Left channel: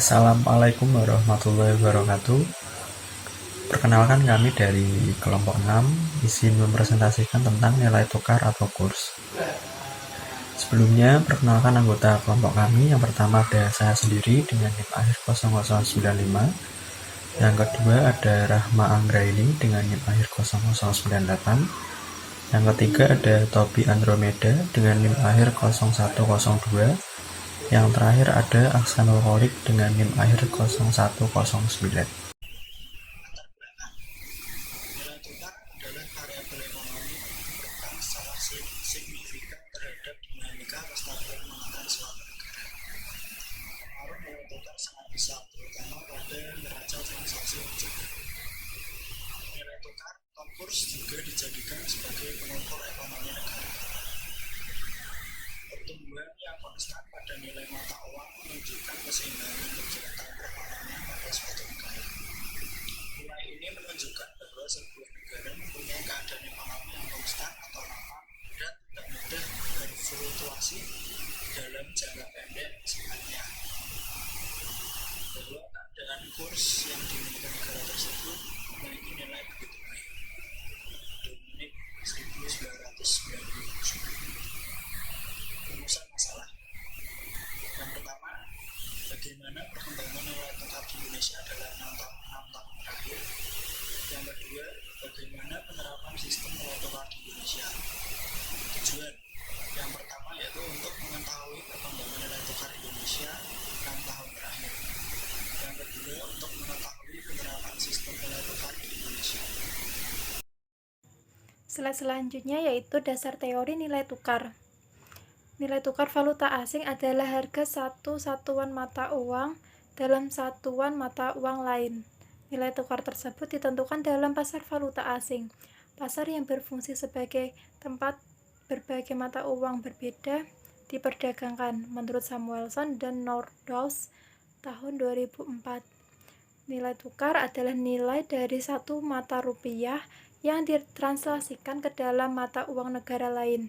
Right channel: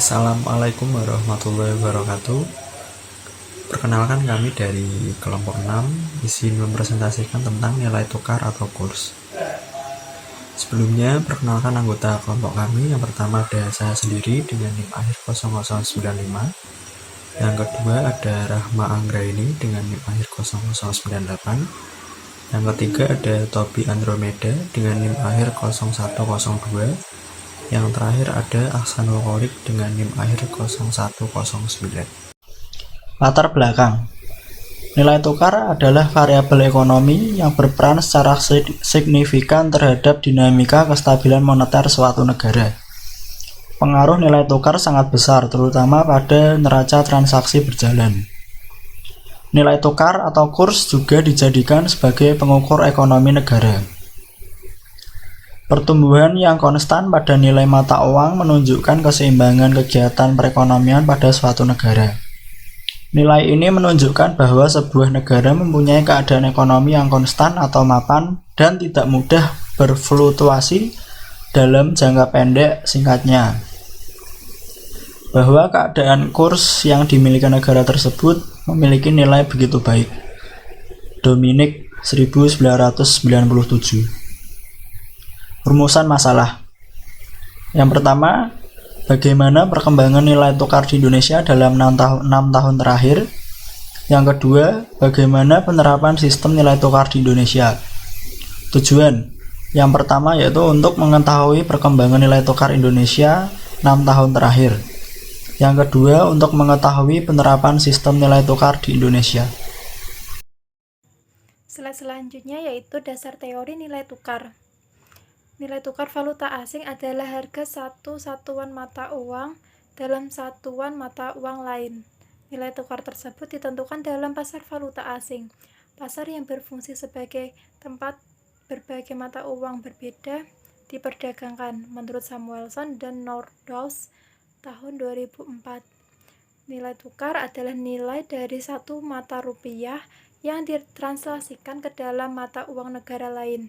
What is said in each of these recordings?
Assalamualaikum warahmatullahi wabarakatuh. Perkenalkan, kami dari kelompok 6 izin mempresentasikan tentang nilai tukar atau kurs. Sebelumnya, perkenalkan anggota kelompok kami. Yang pertama ada saya sendiri dengan NIM akhir 0095. Yang kedua ada Rahma Anggraini dengan NIM akhir 0098. Yang ketiga ada Tobi Andromeda dengan NIM akhir 0102. Yang terakhir ada Aksanul Kholik dengan NIM akhir 0109. Latar belakang. Nilai tukar adalah variabel ekonomi yang berperan secara signifikan terhadap dinamika kestabilan moneter suatu negara. Pengaruh nilai tukar sangat besar, terutama pada neraca transaksi berjalan. Nilai tukar atau kurs juga dijadikan sebagai pengukur ekonomi negara. Pertumbuhan yang konstan pada nilai mata uang menunjukkan keseimbangan kegiatan perekonomian pada suatu negara. Nilai ini menunjukkan bahwa sebuah negara mempunyai keadaan ekonomi yang konstan atau mapan dan tidak mudah berfluktuasi dalam jangka pendek. Singkatnya, bahwa keadaan kurs yang dimiliki negara tersebut memiliki nilai begitu baik. Dominic 1997. Rumusan masalah. Yang pertama, bagaimana perkembangan nilai tukar di Indonesia dalam 6 tahun terakhir? Yang kedua, bagaimana penerapan sistem nilai tukar di Indonesia? Tujuan yang pertama yaitu untuk mengetahui perkembangan nilai tukar Indonesia 6 tahun terakhir. Yang kedua, untuk mengetahui penerapan sistem nilai tukar di Indonesia. Slide selanjutnya yaitu dasar teori nilai tukar. Nilai tukar valuta asing adalah harga satu satuan mata uang dalam satuan mata uang lain. Nilai tukar tersebut ditentukan dalam pasar valuta asing, pasar yang berfungsi sebagai tempat berbagai mata uang berbeda diperdagangkan, menurut Samuelson dan Nordhaus tahun 2004. Nilai tukar adalah nilai dari satu mata rupiah yang ditranslasikan ke dalam mata uang negara lain.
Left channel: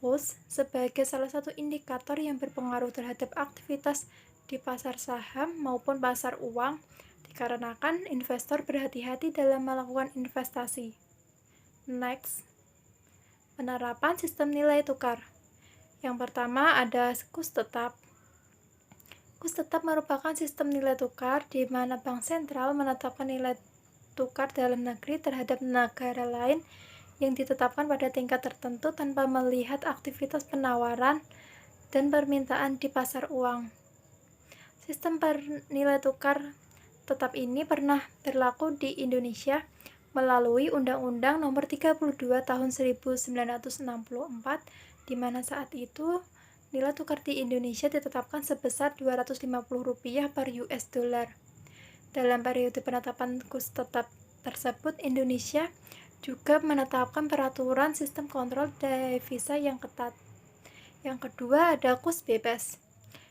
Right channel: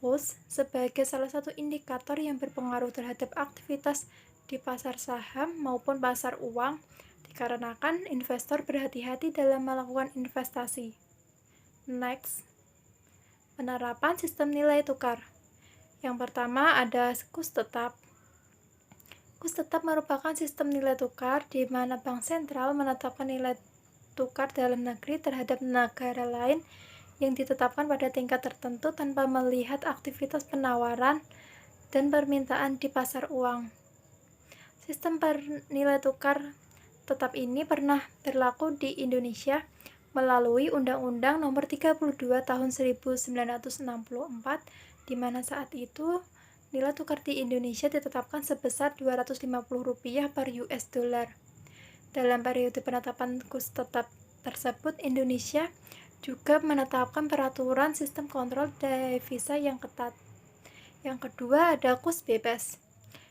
Kurs sebagai salah satu indikator yang berpengaruh terhadap aktivitas di pasar saham maupun pasar uang, dikarenakan investor berhati-hati dalam melakukan investasi. Next, penerapan sistem nilai tukar. Yang pertama ada kurs tetap. Kurs tetap merupakan sistem nilai tukar di mana bank sentral menetapkan nilai tukar dalam negeri terhadap negara lain yang ditetapkan pada tingkat tertentu tanpa melihat aktivitas penawaran dan permintaan di pasar uang. Sistem nilai tukar tetap ini pernah berlaku di Indonesia melalui Undang-Undang Nomor 32 Tahun 1964, di mana saat itu nilai tukar di Indonesia ditetapkan sebesar Rp250 per US dollar. Dalam periode penetapan kurs tetap tersebut, Indonesia juga menetapkan peraturan sistem kontrol devisa yang ketat. Yang kedua ada kurs bebas.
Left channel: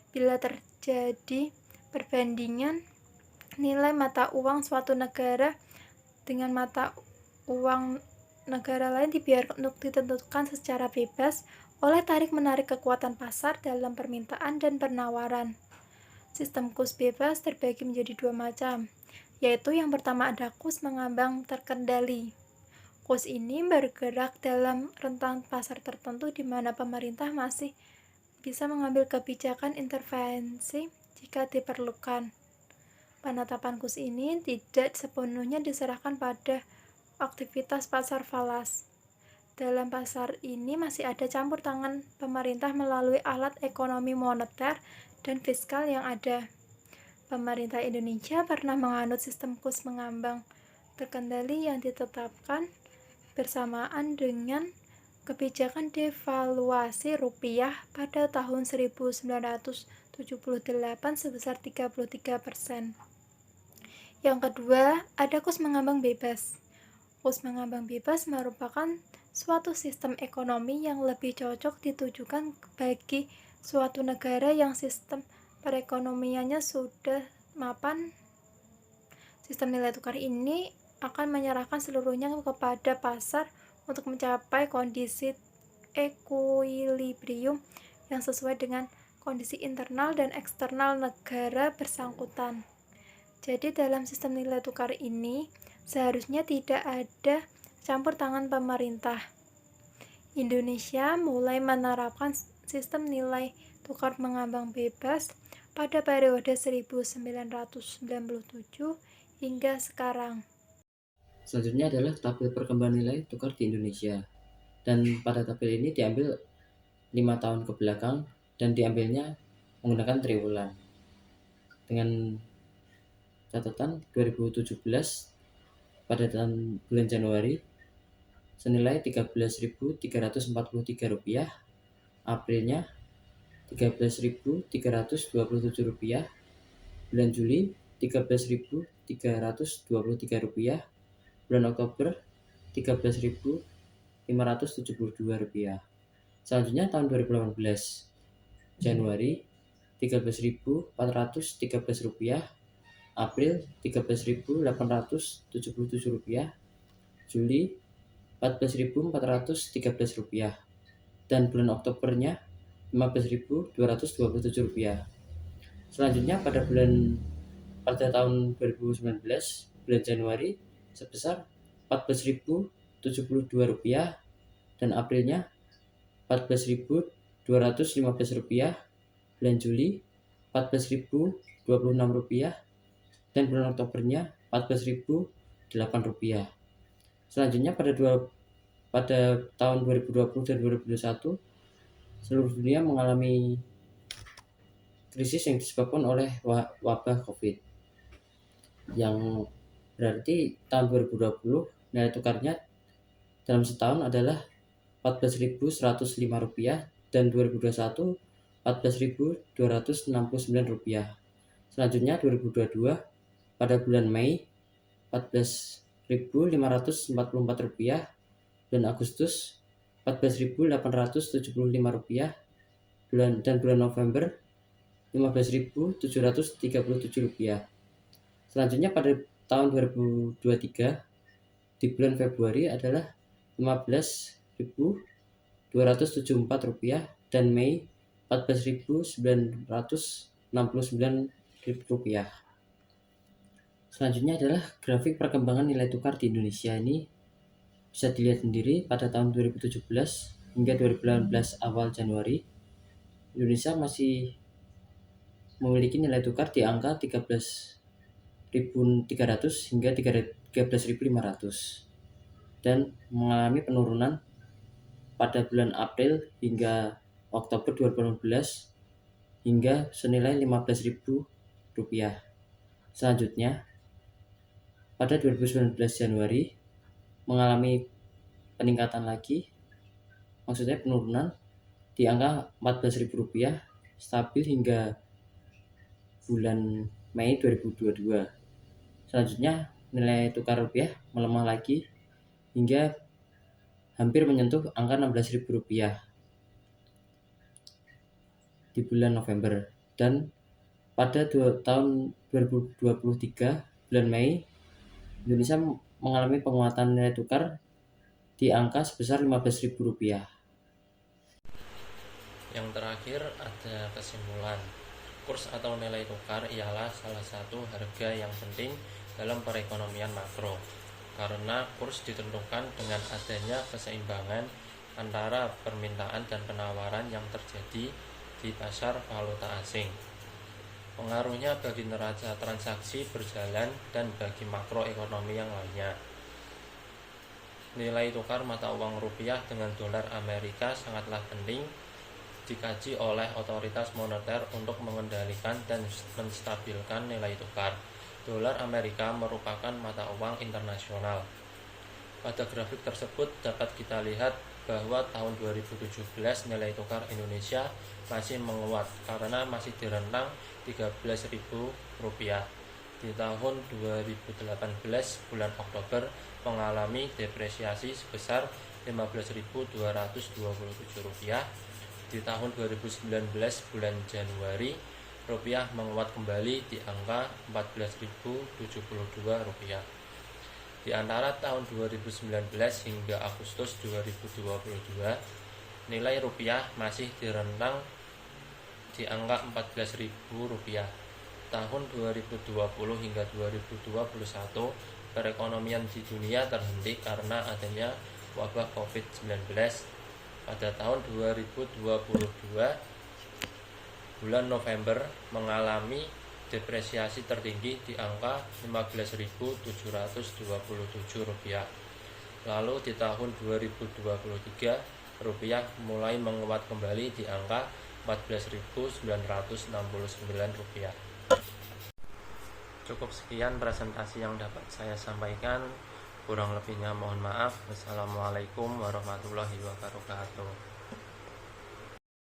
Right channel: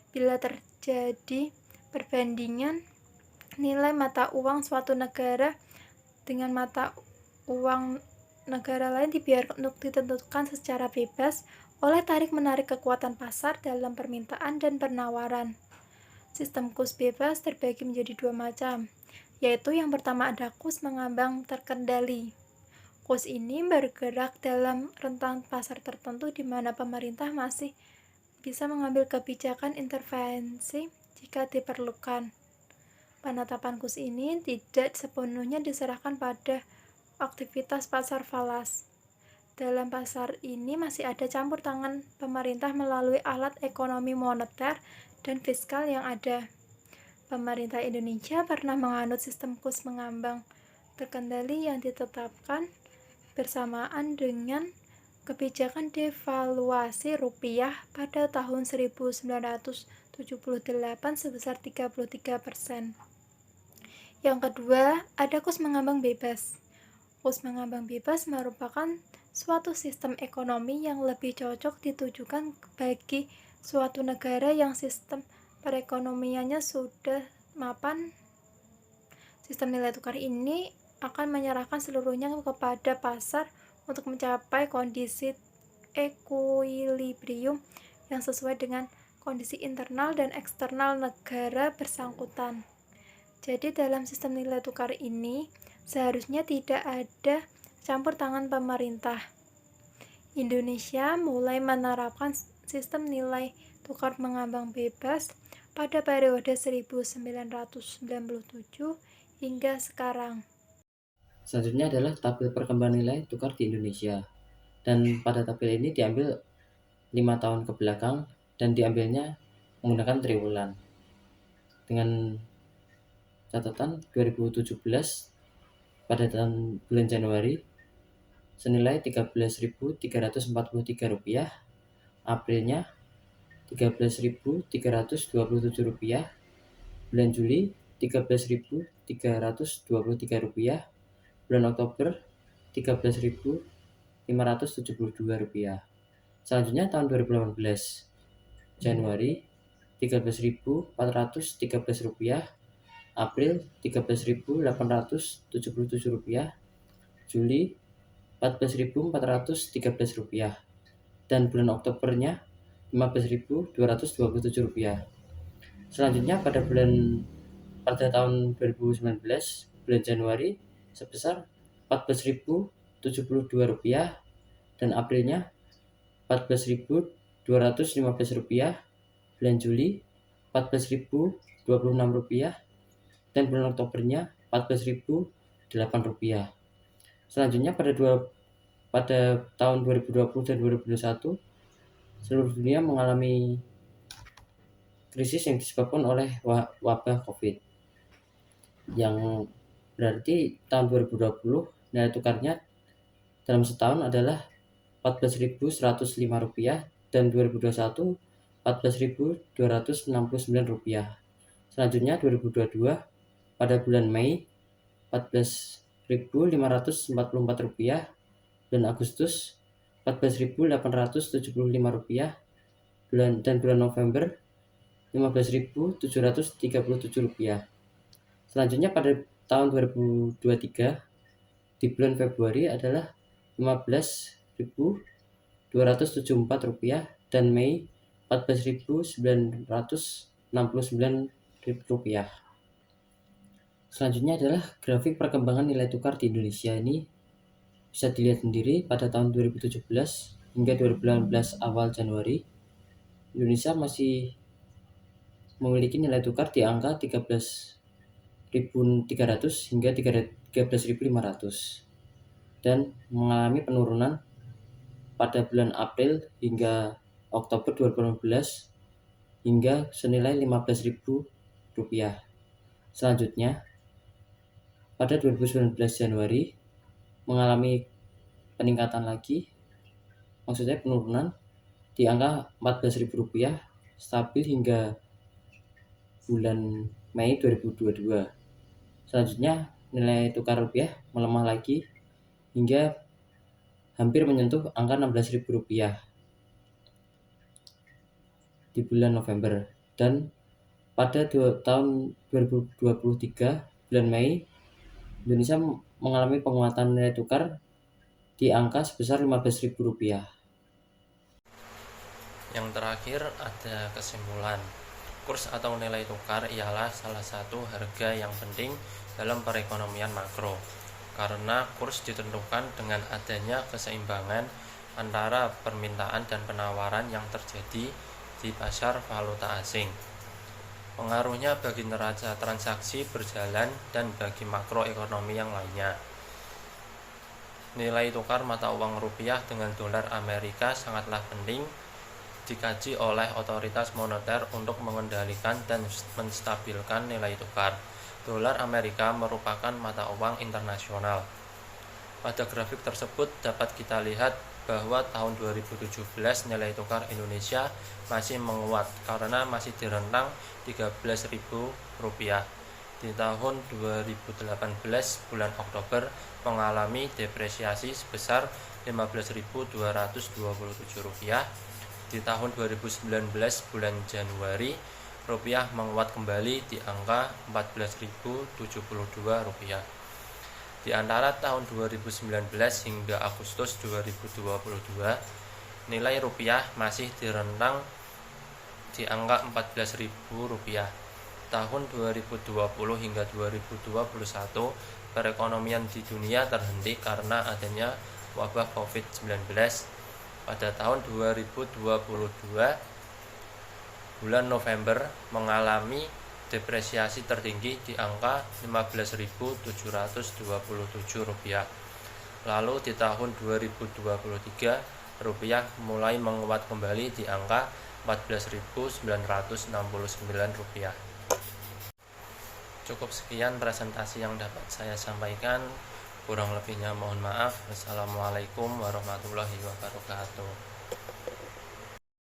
Bila terjadi perbandingan nilai mata uang suatu negara dengan mata uang negara lain dibiarkan untuk ditentukan secara bebas oleh tarik-menarik kekuatan pasar dalam permintaan dan penawaran. Sistem kurs bebas terbagi menjadi dua macam, yaitu yang pertama ada kurs mengambang terkendali. Kurs ini bergerak dalam rentang pasar tertentu di mana pemerintah masih bisa mengambil kebijakan intervensi jika diperlukan. Penetapan kurs ini tidak sepenuhnya diserahkan pada aktivitas pasar falas. Dalam pasar ini masih ada campur tangan pemerintah melalui alat ekonomi moneter dan fiskal yang ada. Pemerintah Indonesia pernah menganut sistem kurs mengambang terkendali yang ditetapkan bersamaan dengan kebijakan devaluasi rupiah pada tahun 1978 sebesar 33%. Yang kedua, ada kurs mengambang bebas. Kurs mengambang bebas merupakan suatu sistem ekonomi yang lebih cocok ditujukan bagi suatu negara yang sistem perekonomiannya sudah mapan. Sistem nilai tukar ini akan menyerahkan seluruhnya kepada pasar untuk mencapai kondisi ekuilibrium yang sesuai dengan kondisi internal dan eksternal negara bersangkutan. Jadi dalam sistem nilai tukar ini seharusnya tidak ada campur tangan pemerintah. Indonesia mulai menerapkan sistem nilai tukar mengambang bebas pada periode 1997 hingga sekarang. Selanjutnya adalah tabel perkembangan nilai tukar di Indonesia. Dan pada tabel ini diambil 5 tahun ke belakang dan diambilnya menggunakan triwulan. Dengan catatan 2017 pada bulan Januari senilai Rp13.343, Aprilnya Rp13.327, bulan Juli Rp13.323, bulan Oktober Rp13.572. Selanjutnya tahun 2018 Januari Rp13.413, April Rp13.877, Juli Rp14.413, dan bulan Oktobernya Rp15.227. Selanjutnya pada tahun 2019 bulan Januari sebesar Rp14.072 dan Aprilnya Rp14.215, bulan Juli Rp14.026 dan bulan Oktobernya Rp14.008. Selanjutnya pada tahun 2020 dan 2021 seluruh dunia mengalami krisis yang disebabkan oleh wabah COVID, yang berarti tahun 2020 nilai tukarnya dalam setahun adalah Rp14.105 dan 2021 Rp14.269. Selanjutnya 2022 pada bulan Mei Rp14.544, bulan Agustus Rp14.875, dan bulan November Rp15.737. Selanjutnya pada tahun 2023 di bulan Februari adalah Rp15.274 dan Mei Rp14.969. Selanjutnya adalah grafik perkembangan nilai tukar di Indonesia. Ini bisa dilihat sendiri pada tahun 2017 hingga 2018 awal Januari, Indonesia masih memiliki nilai tukar di angka 13.300 hingga 13.500 dan mengalami penurunan pada bulan April hingga Oktober 2018 hingga senilai Rp15.000. Selanjutnya pada 2019 Januari mengalami peningkatan lagi, maksudnya penurunan di angka Rp14.000 stabil hingga bulan Mei 2022. Selanjutnya nilai tukar rupiah melemah lagi hingga hampir menyentuh angka Rp16.000 di bulan November, dan pada tahun 2023 bulan Mei Indonesia mengalami penguatan nilai tukar di angka sebesar Rp15.000. Yang terakhir ada kesimpulan. Kurs atau nilai tukar ialah salah satu harga yang penting dalam perekonomian makro, karena kurs ditentukan dengan adanya keseimbangan antara permintaan dan penawaran yang terjadi di pasar valuta asing. Pengaruhnya bagi neraca transaksi berjalan dan bagi makroekonomi yang lainnya. Nilai tukar mata uang rupiah dengan dolar Amerika sangatlah penting dikaji oleh otoritas moneter untuk mengendalikan dan menstabilkan nilai tukar. Dolar Amerika merupakan mata uang internasional. Pada grafik tersebut dapat kita lihat bahwa tahun 2017 nilai tukar Indonesia masih menguat karena masih di rentang Rp13.000. Di tahun 2018 bulan Oktober mengalami depresiasi sebesar Rp15.227. Di tahun 2019 bulan Januari rupiah menguat kembali di angka Rp14.072. Di antara tahun 2019 hingga Agustus 2022, nilai rupiah masih di rentang di angka Rp14.000. Tahun 2020 hingga 2021, perekonomian di dunia terhenti karena adanya wabah COVID-19. Pada tahun 2022, bulan November mengalami depresiasi tertinggi di angka Rp15.727. Lalu di tahun 2023, rupiah mulai menguat kembali di angka Rp14.969. Cukup sekian presentasi yang dapat saya sampaikan. Kurang lebihnya mohon maaf. Wassalamualaikum warahmatullahi wabarakatuh.